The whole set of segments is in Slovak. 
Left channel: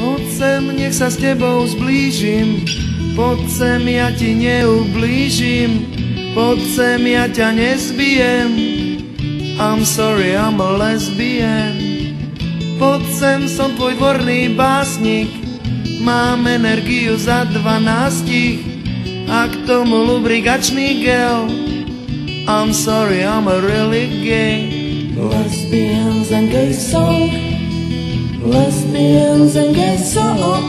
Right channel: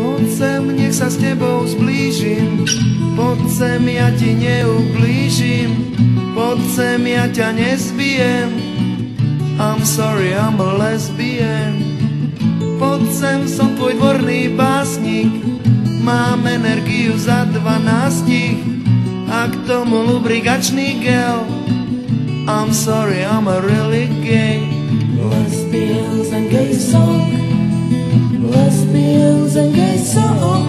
Poď sem, nech sa s tebou zblížim, poď sem, ja ti neublížim, poď sem, ja ťa nezbijem. I'm sorry, I'm a lesbian. Poď sem, som tvoj dvorný básnik, mám energiu za 12 a k tomu lubrikačný gel. I'm sorry, I'm a really gay. Lesbians and gay song, lesbians and gay song,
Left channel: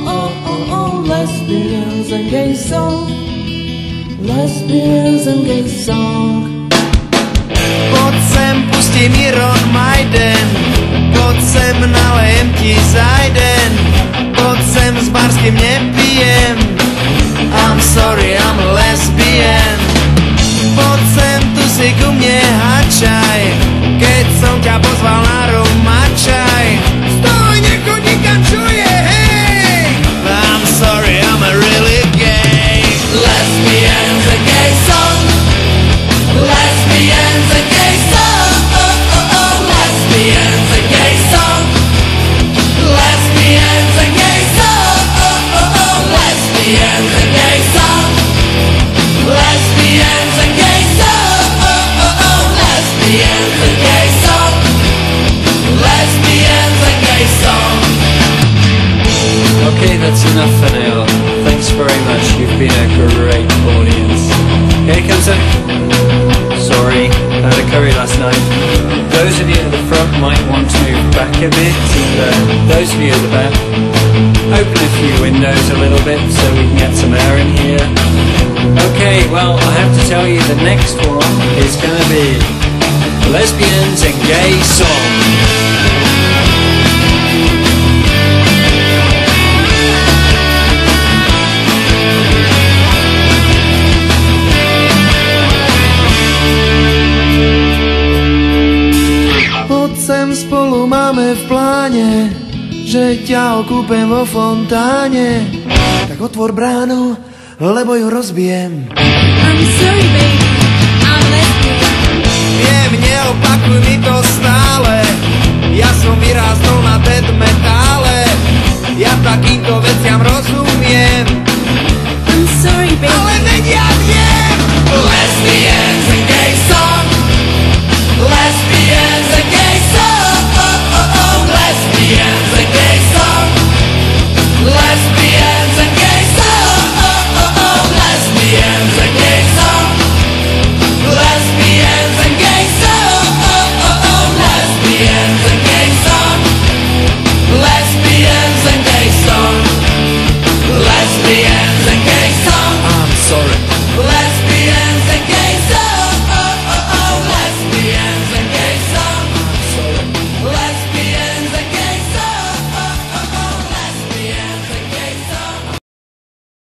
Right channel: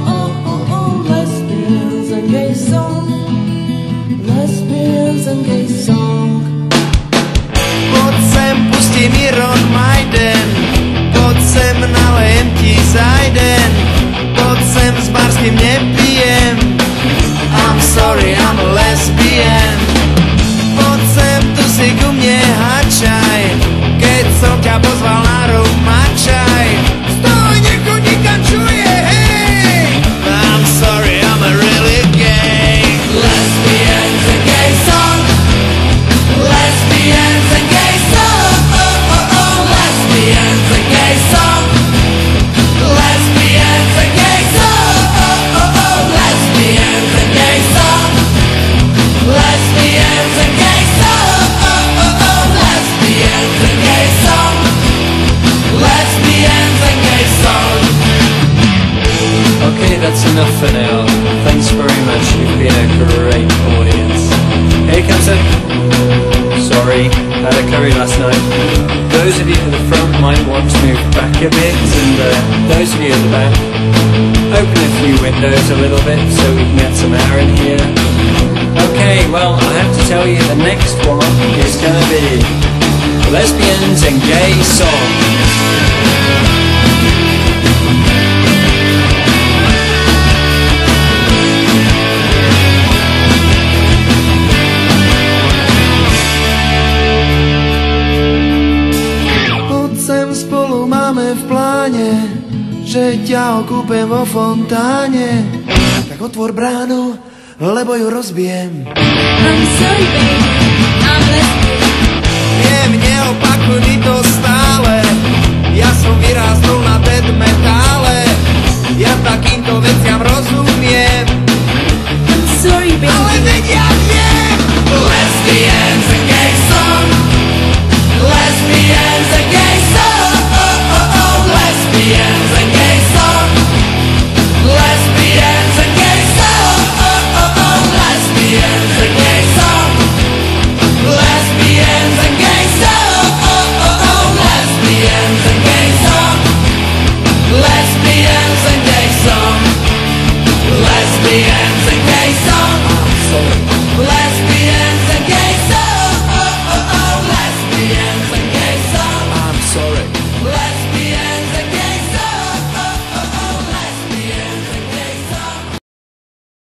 lesbians and gay song, lesbians and gay song. Poď sem, pustím Iron Maiden, poď sem, nalejem ti zajden, poď sem, s barským nepijem. I'm sorry, I'm a lesbian. Poď sem, tu si ku mne hačaj, keď som ťa pozval na rumačaj. Stoj, nechoď nikam, čuje, hej! I'm sorry, I'm a really gay. Lesbians and gay song, lesbians and gay song, lesbians and gay song, lesbians and gay song, lesbians and gay song, lesbians and gay song, lesbians and gay song, lesbians and gay song. Okay, that's enough for now. Thanks very much, you've been a great audience. Here comes a... Sorry, had a curry last night. Those of you at the front might want to move back a bit, and those of you at the back, open a few windows a little bit so we can get some air in here. Okay, well, I have to tell you the next one is gonna be Lesbians and Gay Song. Spolu máme v pláne, že ťa okúpem vo fontáne. Tak otvor bránu, lebo ju rozbijem. I'm sorry, baby, I'm lesbian. Viem, neopakuj mi to stále, ja som vyrástol na death metal.